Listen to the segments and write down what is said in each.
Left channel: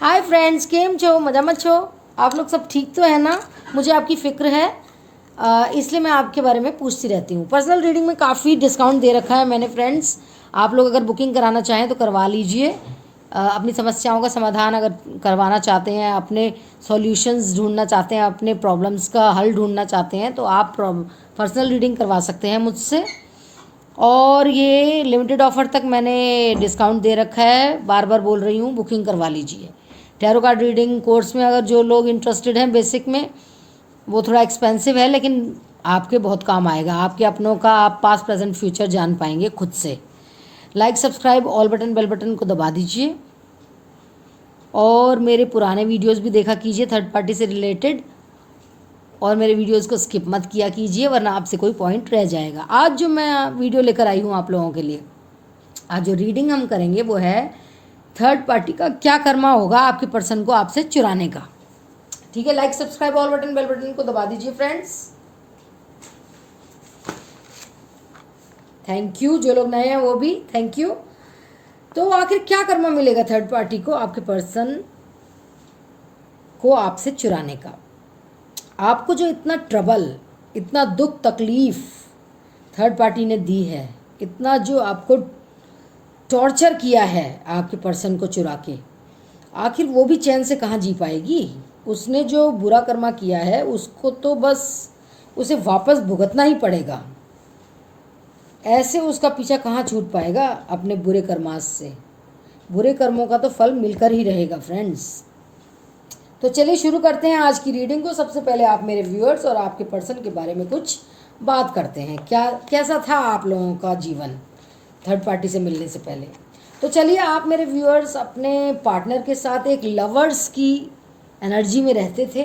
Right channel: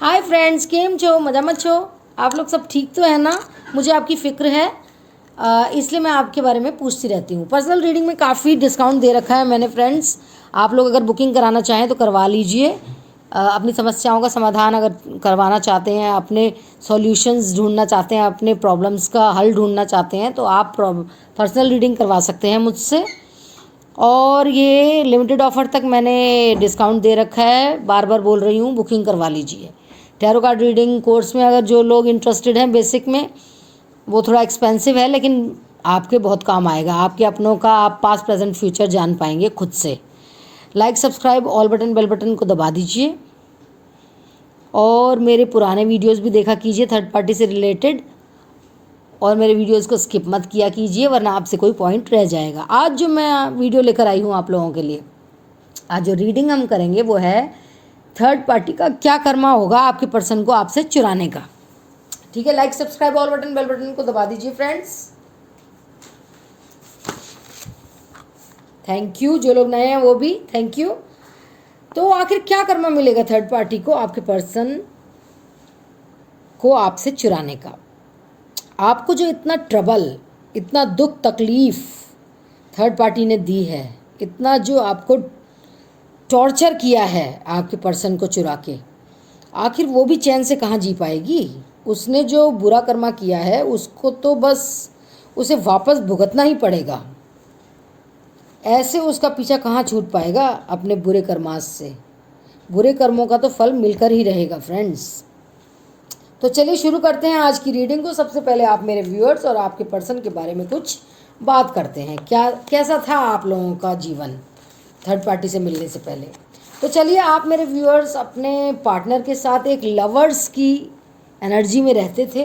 Hi friends, केम छो? मजा मत छो? आप लोग सब ठीक तो है ना? मुझे आपकी फ़िक्र है, इसलिए मैं आपके बारे में पूछती रहती हूँ। पर्सनल रीडिंग में काफ़ी डिस्काउंट दे रखा है मैंने फ्रेंड्स। आप लोग अगर बुकिंग कराना चाहें तो करवा लीजिए। अपनी समस्याओं का समाधान अगर करवाना चाहते हैं, अपने सॉल्यूशंस ढूंढना चाहते हैं, अपने प्रॉब्लम्स का हल ढूंढना चाहते हैं तो आप पर्सनल रीडिंग करवा सकते हैं मुझसे। और ये लिमिटेड ऑफ़र तक मैंने डिस्काउंट दे रखा है, बार बार बोल रही हूँ, बुकिंग करवा लीजिए। टैरो कार्ड रीडिंग कोर्स में अगर जो लोग इंटरेस्टेड हैं, बेसिक में, वो थोड़ा एक्सपेंसिव है लेकिन आपके बहुत काम आएगा। आपके अपनों का आप पास्ट प्रेजेंट फ्यूचर जान पाएंगे खुद से। Like, subscribe, all button, bell button को दबा दीजिए और मेरे पुराने वीडियोस भी देखा कीजिए थर्ड पार्टी से रिलेटेड। और मेरे वीडियोस को स्किप मत किया कीजिए वरना आपसे कोई पॉइंट रह जाएगा। आज जो मैं वीडियो लेकर आई हूँ आप लोगों के लिए, आज जो रीडिंग हम करेंगे वो है थर्ड पार्टी का क्या कर्मा होगा आपके पर्सन को आपसे चुराने का। ठीक है, like, subscribe, all button, bell button को दबा दीजिए फ्रेंड्स। थैंक यू, जो लोग नए हैं वो भी थैंक यू। तो आखिर क्या कर्मा मिलेगा थर्ड पार्टी को आपके पर्सन को आपसे चुराने का? आपको जो इतना ट्रबल, इतना दुख तकलीफ थर्ड पार्टी ने दी है, इतना जो आपको टॉर्चर किया है आपके पर्सन को चुरा के, आखिर वो भी चैन से कहाँ जी पाएगी? उसने जो बुरा कर्मा किया है उसको तो बस उसे वापस भुगतना ही पड़ेगा। ऐसे उसका पीछा कहाँ छूट पाएगा अपने बुरे कर्मास से? बुरे कर्मों का तो फल मिलकर ही रहेगा फ्रेंड्स। तो चलिए शुरू करते हैं आज की रीडिंग को। सबसे पहले आप मेरे व्यूअर्स और आपके पर्सन के बारे में कुछ बात करते हैं। कैसा था आप लोगों का जीवन थर्ड पार्टी से मिलने से पहले? तो चलिए, आप मेरे व्यूअर्स अपने पार्टनर के साथ एक लवर्स की एनर्जी में रहते थे।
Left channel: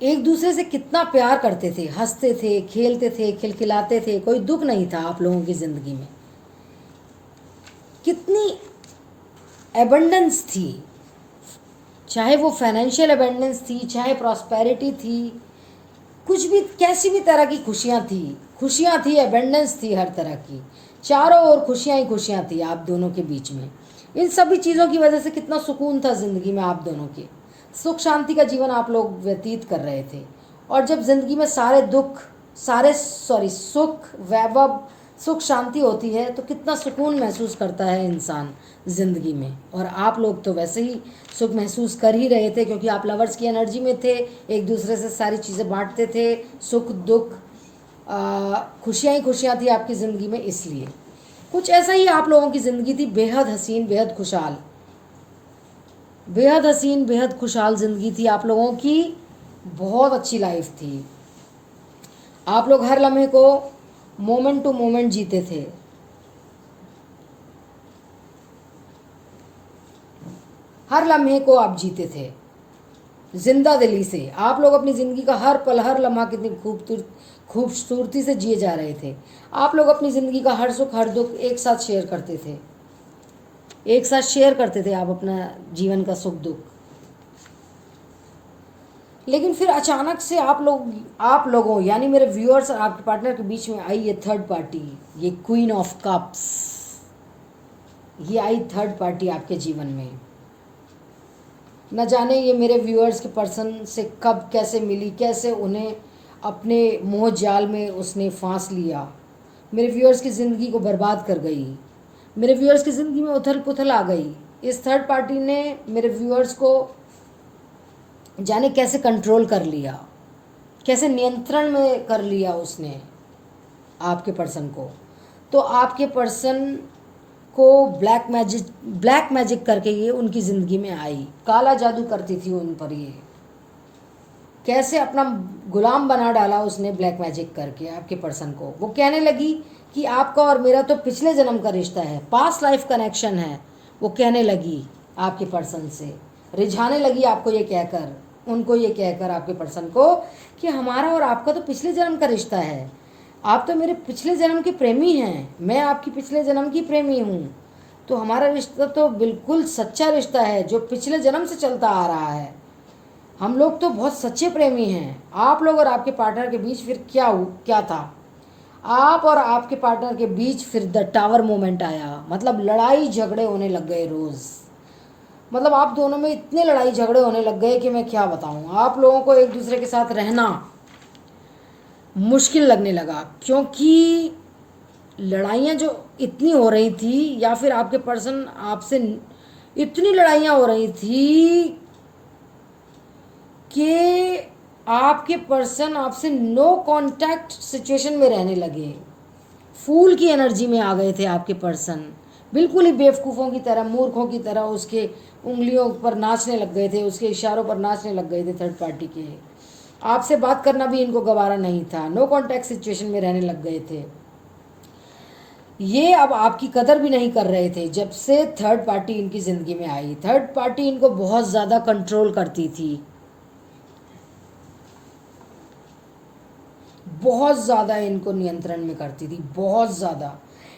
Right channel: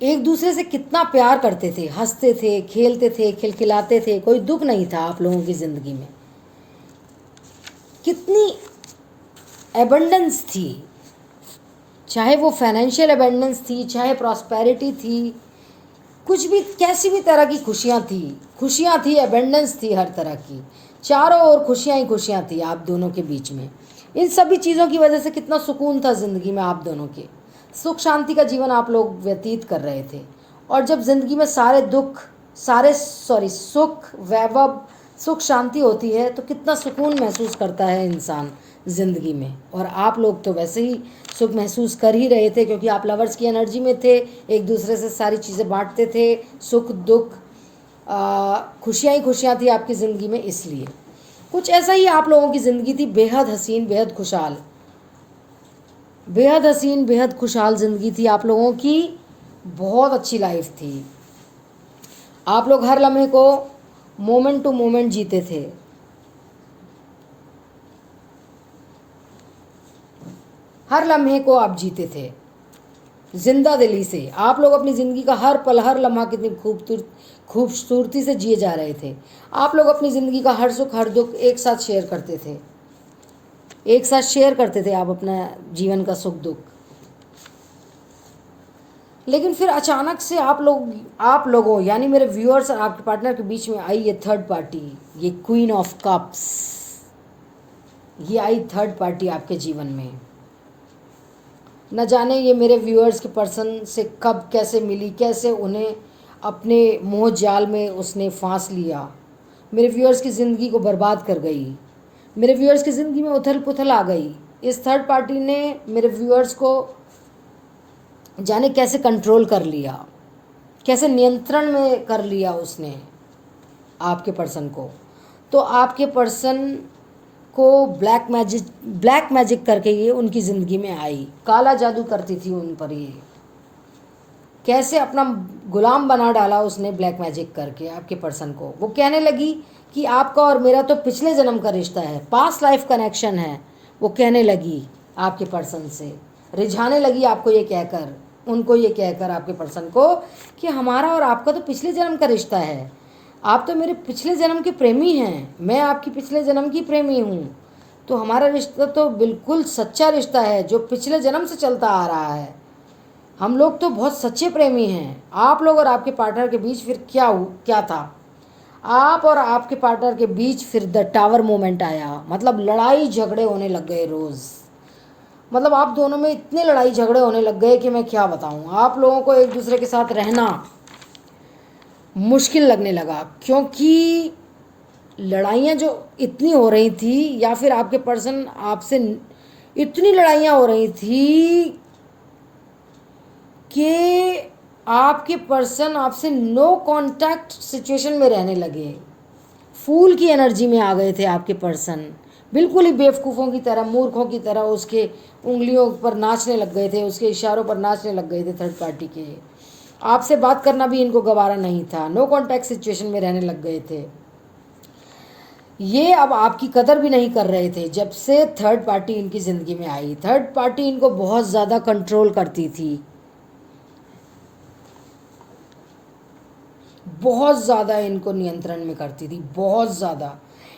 एक दूसरे से कितना प्यार करते थे, हंसते थे, खेलते थे, खिलखिलाते थे, कोई दुख नहीं था आप लोगों की ज़िंदगी में। कितनी एबंडेंस थी, चाहे वो फाइनेंशियल एबंडेंस थी, चाहे प्रॉस्पेरिटी थी, कुछ भी, कैसी भी तरह की खुशियाँ थी, एबंडेंस थी हर तरह की। चारों ओर खुशियाँ ही खुशियाँ थी आप दोनों के बीच में। इन सभी चीज़ों की वजह से कितना सुकून था ज़िंदगी में आप दोनों के। सुख शांति का जीवन आप लोग व्यतीत कर रहे थे। और जब ज़िंदगी में सुख, वैभव, सुख शांति होती है तो कितना सुकून महसूस करता है इंसान ज़िंदगी में। और आप लोग तो वैसे ही सुख महसूस कर ही रहे थे क्योंकि आप लवर्स की एनर्जी में थे, एक दूसरे से सारी चीज़ें बांटते थे, सुख दुख, खुशियाँ ही खुशियाँ थी आपकी ज़िंदगी में। इसलिए कुछ ऐसा ही आप लोगों की ज़िंदगी थी, बेहद हसीन, बेहद खुशहाल, बेहद हसीन, बेहद खुशहाल ज़िंदगी थी आप लोगों की। बहुत अच्छी लाइफ थी। आप लोग हर लम्हे को मोमेंट टू मोमेंट जीते थे। हर लम्हे को आप जीते थे जिंदा दिली से। आप लोग अपनी ज़िंदगी का हर पल, हर लम्हा कितनी खूबसूरती से जिए जा रहे थे। आप लोग अपनी ज़िंदगी का हर सुख हर दुख एक साथ शेयर करते थे, एक साथ शेयर करते थे आप अपना जीवन का सुख दुख। लेकिन फिर अचानक से आप लोगों यानी मेरे व्यूअर्स और आपके पार्टनर के बीच में आई ये थर्ड पार्टी, ये क्वीन ऑफ कप्स। ये आई थर्ड पार्टी आपके जीवन में। न जाने ये मेरे व्यूअर्स के पर्सन से कब कैसे मिली, कैसे उन्हें अपने मोह जाल में उसने फांस लिया, मेरे व्यूअर्स की ज़िंदगी को बर्बाद कर गई। मेरे व्यूअर्स की ज़िंदगी में उथल पुथल आ गई। इस थर्ड पार्टी ने मेरे व्यूअर्स को जाने कैसे कंट्रोल कर लिया, कैसे नियंत्रण में कर लिया उसने आपके पर्सन को। तो आपके पर्सन को ब्लैक मैजिक करके ये उनकी ज़िंदगी में आई, काला जादू करती थी उन पर। ये कैसे अपना गुलाम बना डाला उसने ब्लैक मैजिक करके आपके पर्सन को। वो कहने लगी कि आपका और मेरा तो पिछले जन्म का रिश्ता है, पास्ट लाइफ कनेक्शन है। वो कहने लगी आपके पर्सन से, रिझाने लगी आपको ये कहकर, उनको ये कहकर आपके पर्सन को कि हमारा और आपका तो पिछले जन्म का रिश्ता है। आप तो मेरे पिछले जन्म के प्रेमी हैं, मैं आपकी पिछले जन्म की प्रेमी हूँ। तो हमारा रिश्ता तो बिल्कुल सच्चा रिश्ता है जो पिछले जन्म से चलता आ रहा है। हम लोग तो बहुत सच्चे प्रेमी हैं। आप लोग और आपके पार्टनर के बीच फिर क्या था? आप और आपके पार्टनर के बीच फिर द टावर मोमेंट आया, मतलब लड़ाई झगड़े होने लग गए रोज़। मतलब आप दोनों में इतने लड़ाई झगड़े होने लग गए कि मैं क्या बताऊं। आप लोगों को एक दूसरे के साथ रहना मुश्किल लगने लगा, क्योंकि लड़ाइयाँ जो इतनी हो रही थी, या फिर आपके पर्सन आपसे इतनी लड़ाइयाँ हो रही थी कि आपके पर्सन आपसे नो कांटेक्ट सिचुएशन में रहने लगे। फूल की एनर्जी में आ गए थे आपके पर्सन, बिल्कुल ही बेवकूफ़ों की तरह, मूर्खों की तरह उसके उंगलियों पर नाचने लग गए थे, उसके इशारों पर नाचने लग गए थे थर्ड पार्टी के। आपसे बात करना भी इनको गवारा नहीं था, नो कांटेक्ट सिचुएशन में रहने लग गए थे। ये अब आपकी कदर भी नहीं कर रहे थे जब से थर्ड पार्टी इनकी ज़िंदगी में आई। थर्ड पार्टी इनको बहुत ज़्यादा कंट्रोल करती थी, बहुत ज़्यादा इनको नियंत्रण में करती थी, बहुत ज़्यादा।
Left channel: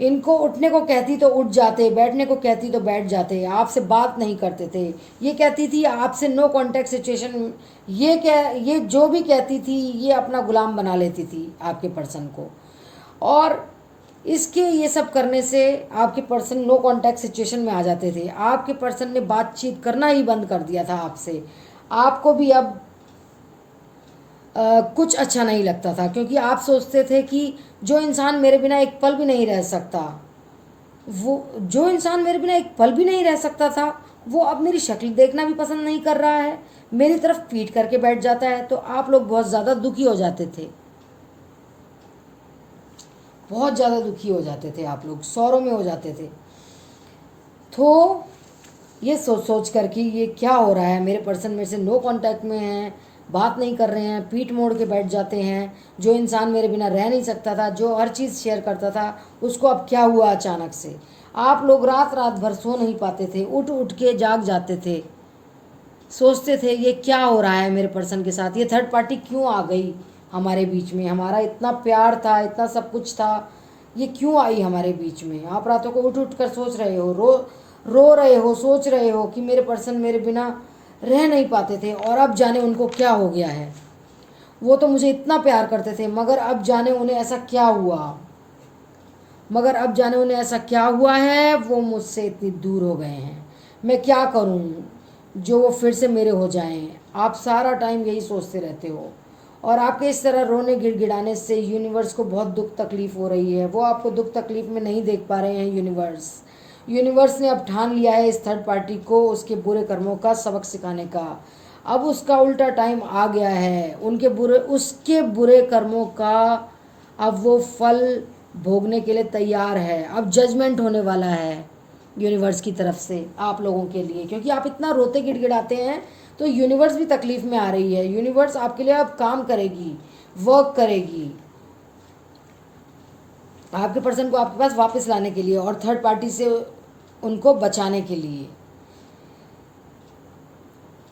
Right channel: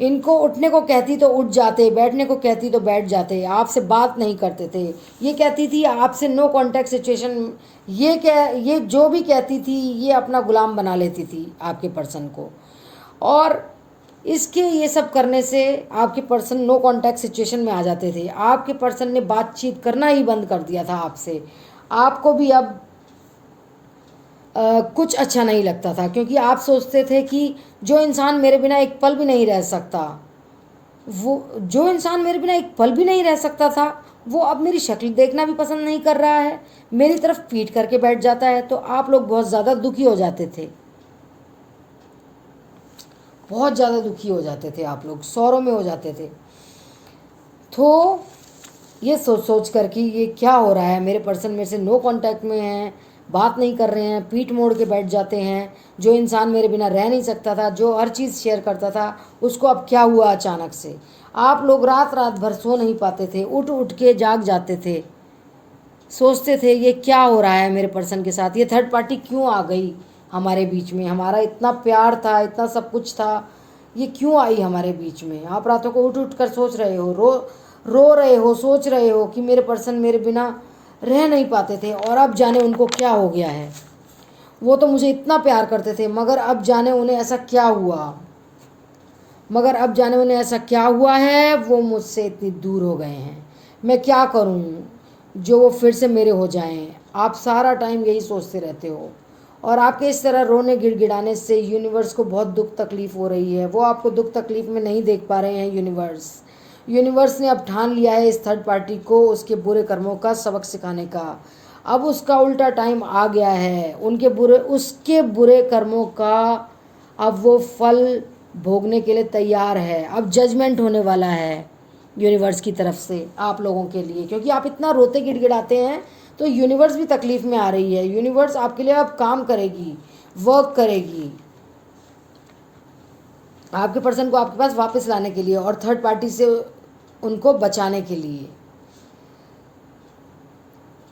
इनको उठने को कहती तो उठ जाते, बैठने को कहती तो बैठ जाते, आपसे बात नहीं करते थे। ये कहती थी आपसे नो कांटेक्ट सिचुएशन, ये जो भी कहती थी ये अपना गुलाम बना लेती थी आपके पर्सन को। और इसके ये सब करने से आपके पर्सन नो कांटेक्ट सिचुएशन में आ जाते थे। आपके पर्सन ने बातचीत करना ही बंद कर दिया था आपसे। आपको भी अब कुछ अच्छा नहीं लगता था, क्योंकि आप सोचते थे कि जो इंसान मेरे बिना एक पल भी नहीं रह सकता, जो इंसान मेरे बिना एक पल भी नहीं रह सकता था, वो अब मेरी शक्ल देखना भी पसंद नहीं कर रहा है, मेरी तरफ पीठ करके बैठ जाता है। तो आप लोग बहुत ज़्यादा दुखी हो जाते थे, बहुत ज़्यादा दुखी हो जाते थे, आप लोग सौरों में हो जाते थे। तो ये सोच सोच कर कि ये क्या हो रहा है, मेरे पर्सन मेरे से नो कांटेक्ट में हैं, बात नहीं कर रहे हैं, पीठ मोड़ के बैठ जाते हैं। जो इंसान मेरे बिना रह नहीं सकता था, जो हर चीज़ शेयर करता था, उसको अब क्या हुआ अचानक से। आप लोग रात रात भर सो नहीं पाते थे, उठ उठ के जाग जाते थे, सोचते थे ये क्या हो रहा है मेरे पर्सन के साथ, ये थर्ड पार्टी क्यों आ गई हमारे बीच में, हमारा इतना प्यार था, इतना सब कुछ था, ये क्यों आई हमारे बीच में। आप रातों को उठ उठ कर सोच रहे हो, रो रहे हो, सोच रहे हो कि मेरे पर्सन मेरे बिना रह नहीं पाते थे, और अब जाने उनको क्या हो गया है। वो तो मुझे इतना प्यार करते थे, मगर अब जाने उन्हें ऐसा क्या हुआ, मगर अब जाने उन्हें ऐसा क्या हुआ है, वो मुझसे इतनी दूर हो गए हैं। मैं क्या करूं जो वो फिर से मेरे हो जाएं। आप सारा टाइम यही सोचते रहते हो, और आपके इस तरह रोने गिड़गिड़ाने से यूनिवर्स को बहुत दुख तकलीफ़ हो रही है। वो आपको दुख तकलीफ़ में नहीं देख पा रहे हैं। यूनिवर्स ने अब ठान लिया है इस थर्ड पार्टी को उसके बुरे कर्मों का सबक सिखाने का। अब उसका उल्टा टाइम आ गया है, उसके बुरे कर्मों का अब वो फल भोगने के लिए तैयार है। अब जजमेंट होने वाला है यूनिवर्स की तरफ से आप लोगों के लिए, क्योंकि आप इतना रोते गिड़गिड़ाते हैं, तो यूनिवर्स भी तकलीफ़ में आ रही है। यूनिवर्स आपके लिए अब काम करेगी, वर्क करेगी आपके पर्सन को आपके पास वापस लाने के लिए, और थर्ड पार्टी से उनको बचाने के लिए।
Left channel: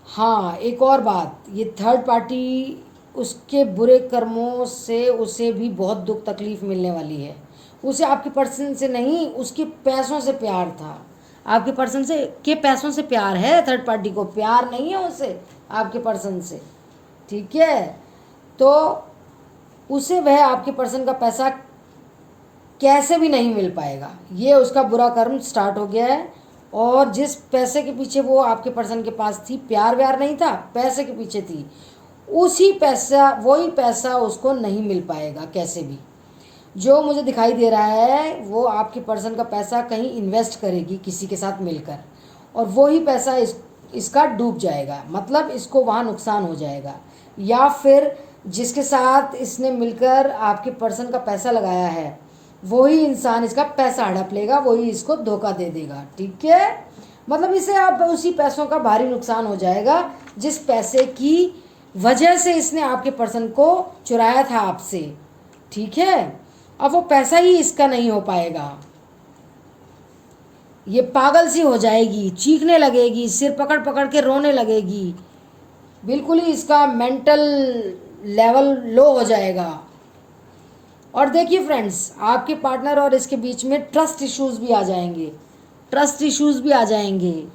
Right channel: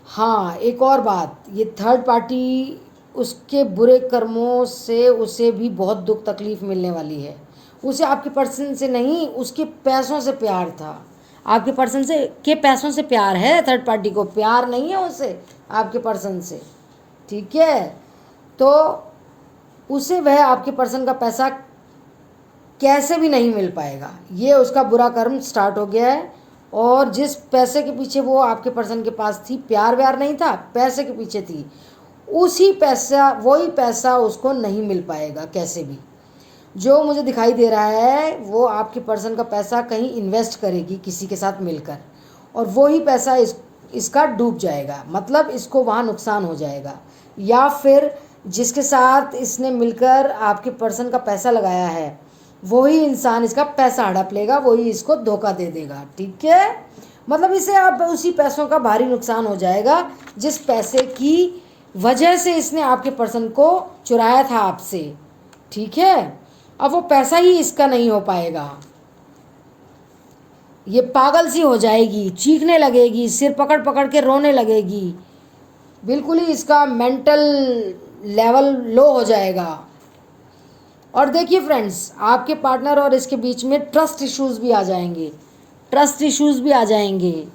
हाँ, एक और बात, ये थर्ड पार्टी उसके बुरे कर्मों से उसे भी बहुत दुख तकलीफ़ मिलने वाली है। उसे आपके पर्सन से नहीं, उसके पैसों से प्यार था। आपके पर्सन से के पैसों से प्यार है, थर्ड पार्टी को प्यार नहीं है उसे आपके पर्सन से, ठीक है। तो उसे वह आपके पर्सन का पैसा कैसे भी नहीं मिल पाएगा, ये उसका बुरा कर्म स्टार्ट हो गया है। और जिस पैसे के पीछे वो आपके पर्सन के पास थी, प्यार व्यार नहीं था, पैसे के पीछे थी, वही पैसा उसको नहीं मिल पाएगा कैसे भी। जो मुझे दिखाई दे रहा है, वो आपके पर्सन का पैसा कहीं इन्वेस्ट करेगी किसी के साथ मिलकर, और वही पैसा इसका डूब जाएगा, मतलब इसको वहाँ नुकसान हो जाएगा। या फिर जिसके साथ इसने मिलकर आपके पर्सन का पैसा लगाया है, वही इंसान इसका पैसा हड़प लेगा, वही इसको धोखा दे देगा, ठीक है। मतलब इसे आप उसी पैसों का भारी नुकसान हो जाएगा जिस पैसे की वजह से इसने आपके पर्सन को चुराया था आपसे, ठीक है। अब वो पैसा ही इसका नहीं हो पाएगा, ये पागल सी हो जाएगी, चीखने लगेगी, सिर पकड़ पकड़ के रोने लगेगी, बिल्कुल ही इसका मेंटल लेवल लो हो जाएगा। और देखिए फ्रेंड्स, आपके पार्टनर और इसके बीच में ट्रस्ट इश्यूज़ भी आ जाएंगे, ट्रस्ट इश्यूज़ भी आ जाएंगे।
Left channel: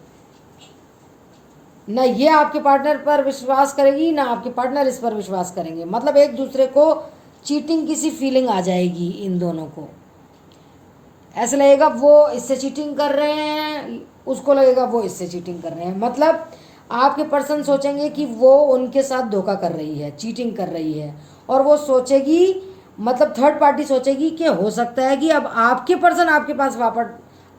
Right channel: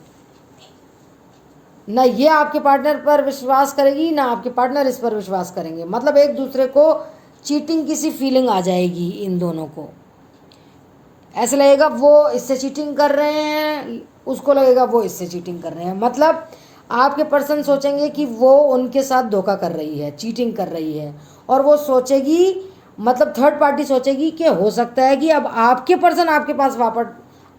ना ये आपके पार्टनर पर विश्वास करेगी, ना आपके पार्टनर इस पर विश्वास करेंगे। मतलब एक दूसरे को चीटिंग की सी फीलिंग आ जाएगी इन दोनों को। ऐसा लगेगा वो इससे चीटिंग कर रहे हैं, उसको लगेगा वो इससे चीटिंग कर रहे हैं। मतलब आपके पर्सन सोचेंगे कि वो उनके साथ धोखा कर रही है, चीटिंग कर रही है, और वो सोचेगी, मतलब थर्ड पार्टी सोचेगी कि हो सकता है कि अब आपके पर्सन आपके पास वापस,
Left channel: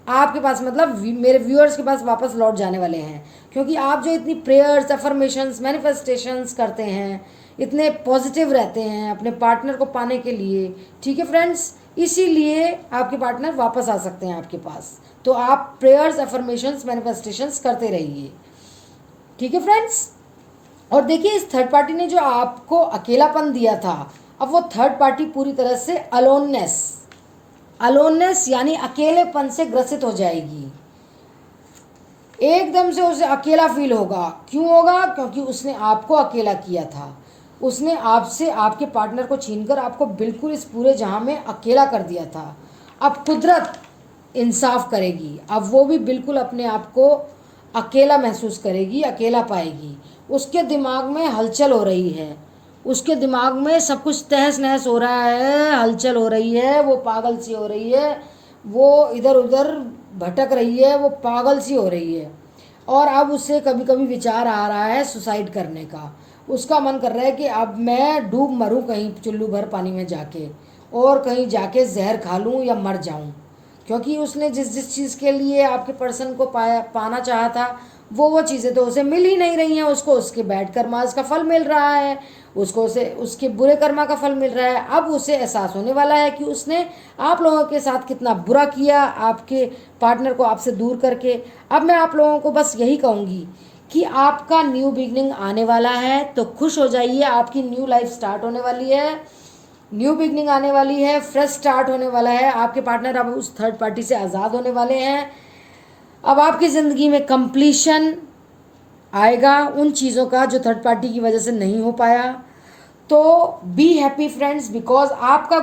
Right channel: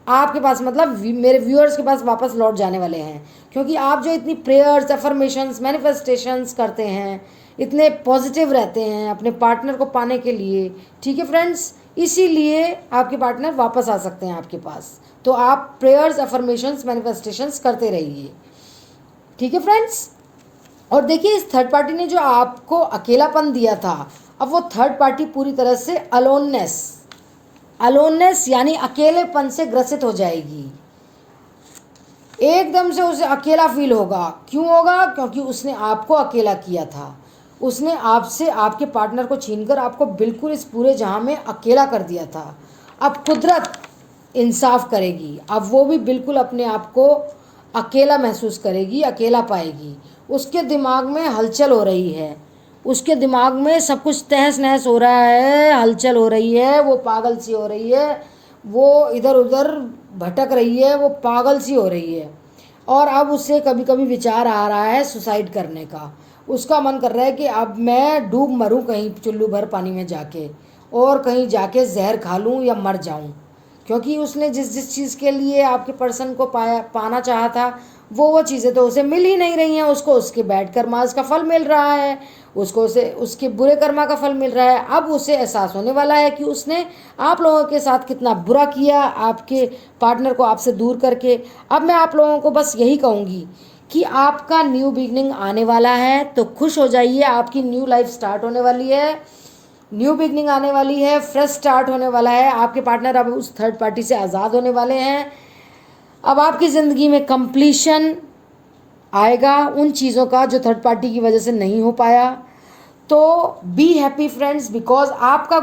आपके पास मतलब मेरे व्यूअर्स के पास वापस लौट जाने वाले हैं। क्योंकि आप जो इतनी प्रेयर्स, अफर्मेशंस, मैनिफेस्टेशंस करते हैं, इतने पॉजिटिव रहते हैं अपने पार्टनर को पाने के लिए, ठीक है फ्रेंड्स, इसीलिए आपके पार्टनर वापस आ सकते हैं आपके पास। तो आप प्रेयर्स, अफर्मेशंस, मैनिफेस्टेशंस करते रहिए, ठीक है फ्रेंड्स। और देखिए, इस थर्ड पार्टी ने जो आपको अकेलापन दिया था, अब वो थर्ड पार्टी पूरी तरह से अलोननेस यानी अकेलेपन से ग्रसित हो जाएगी। एकदम से उसे अकेला फील होगा। क्यों होगा? क्योंकि उसने आपको अकेला किया था। उसने आपसे, आपके पार्टनर को छीनकर आपको बिल्कुल इस पूरे जहां में अकेला कर दिया था। अब कुदरत इंसाफ करेगी, अब वो भी बिल्कुल अपने आप को अकेला महसूस करेगी, अकेला पाएगी। उसके दिमाग में हलचल हो रही है, उसके दिमाग में सब कुछ तहस नहस हो रहा है, हलचल हो रही है, वो पागल सी हो रही है, वो इधर उधर भटक रही है, वो पागल सी हो रही है। और अब उससे कभी कभी विचार आ रहा है सुसाइड करने का। उसका मन कर रहा है कि अब मैं डूब मरूं कहीं चुल्लू भर पानी में जाके, और कहीं जाके जहर खा लूं या मर जाऊं। क्योंकि उसने जिस जिस चीज़ के लिए आपके पर्सन को पाना चाहा था, वो चीज़ें तो उसे मिल ही नहीं रही हैं। उसको उसके बैड कर्मास का फल मिल रहा है, उसको उसे उसके बुरे कर्मा का फल मिल रहा है। अब उसे एहसास होने वाला है कि उसने आप लोगों के साथ कितना बुरा किया, आपके पार्टनर को आपसे दूर करके। अब मैं आप लोगों को बस यही कहूँगी कि आपका न्यू बिगनिंग आने वाला है, तो खुश हो जाइए। आपकी न्यू लाइफ स्टार्ट होने वाली है, न्यू बिगनिंग आने वाली है, फ्रेश स्टार्ट होने वाला है। आपके पार्टनर अब उस थर्ड पार्टी से आज़ाद होने वाले हैं। अब आपकी ज़िंदगी में कंप्लीशन आएगा उन चीज़ों का जो थर्ड पार्टी की वजह से नहीं हो पाया। तो बी हैप्पी फ्रेंड्स, बिकॉज आपका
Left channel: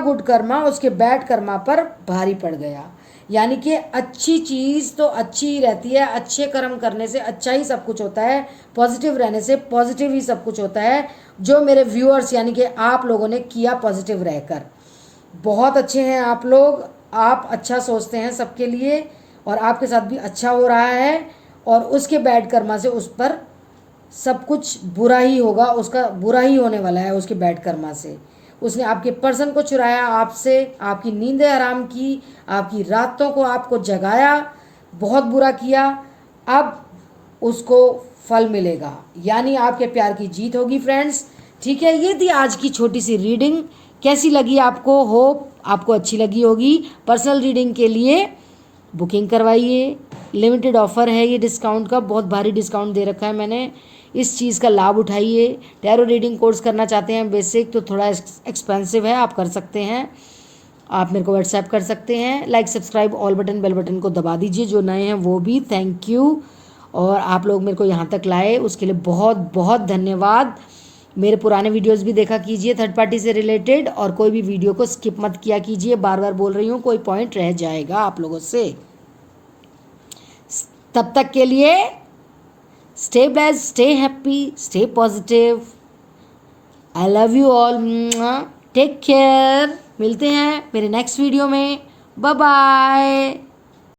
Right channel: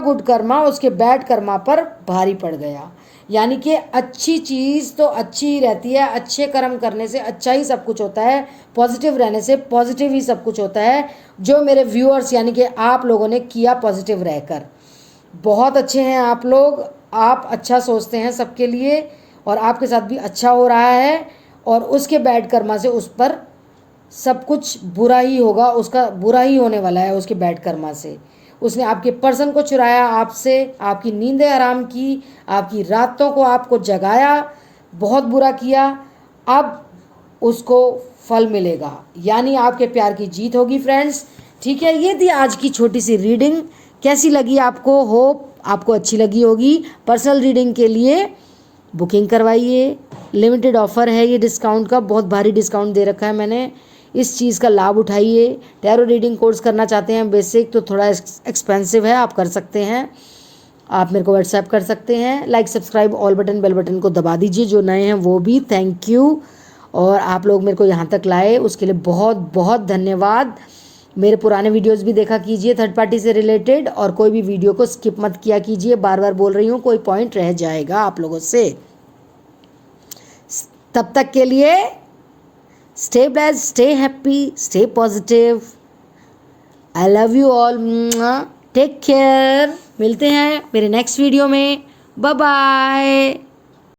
गुड कर्मा उसके बैड कर्मा पर भारी पड़ गया। यानी कि अच्छी चीज़ तो अच्छी ही रहती है, अच्छे कर्म करने से अच्छा ही सब कुछ होता है, पॉजिटिव रहने से पॉजिटिव ही सब कुछ होता है। जो मेरे व्यूअर्स यानी कि आप लोगों ने किया पॉजिटिव रहकर, बहुत अच्छे हैं आप लोग, आप अच्छा सोचते हैं सबके लिए, और आपके साथ भी अच्छा हो रहा है। और उसके बैड कर्मा से उस पर सब कुछ बुरा ही होगा, उसका बुरा ही होने वाला है उसके बैड कर्मा से। उसने आपके पर्सन को चुराया आपसे, आपकी नींदें हराम की, आपकी रातों को आपको जगाया, बहुत बुरा किया। अब उसको फल मिलेगा, यानी आपके प्यार की जीत होगी फ्रेंड्स। ठीक है, ये थी आज की छोटी सी रीडिंग। कैसी लगी आपको? होप आपको अच्छी लगी होगी। पर्सनल रीडिंग के लिए बुकिंग करवाइए, लिमिटेड ऑफर है ये डिस्काउंट का, बहुत भारी डिस्काउंट दे रखा है मैंने, इस चीज़ का लाभ उठाइए। टैरो रीडिंग कोर्स करना चाहते हैं बेसिक, तो थोड़ा एक्सपेंसिव है, आप कर सकते हैं, आप मेरे को व्हाट्सएप कर सकते हैं। Like, subscribe, all button, bell button को दबा दीजिए, जो नए हैं वो भी थैंक यू। और आप लोग मेरे को यहाँ तक लाए उसके लिए बहुत बहुत धन्यवाद। मेरे पुराने वीडियोस भी देखा कीजिए थर्ड पार्टी से रिलेटेड, और कोई भी वीडियो को स्किप मत किया कीजिए, बार बार बोल रही हूँ, कोई पॉइंट रह जाएगा आप लोगों से। तब तक के लिए stay blessed, stay happy, stay positive. I love you all, take care. मिलते हैं मेरे नेक्स्ट वीडियो में, बाय बाय।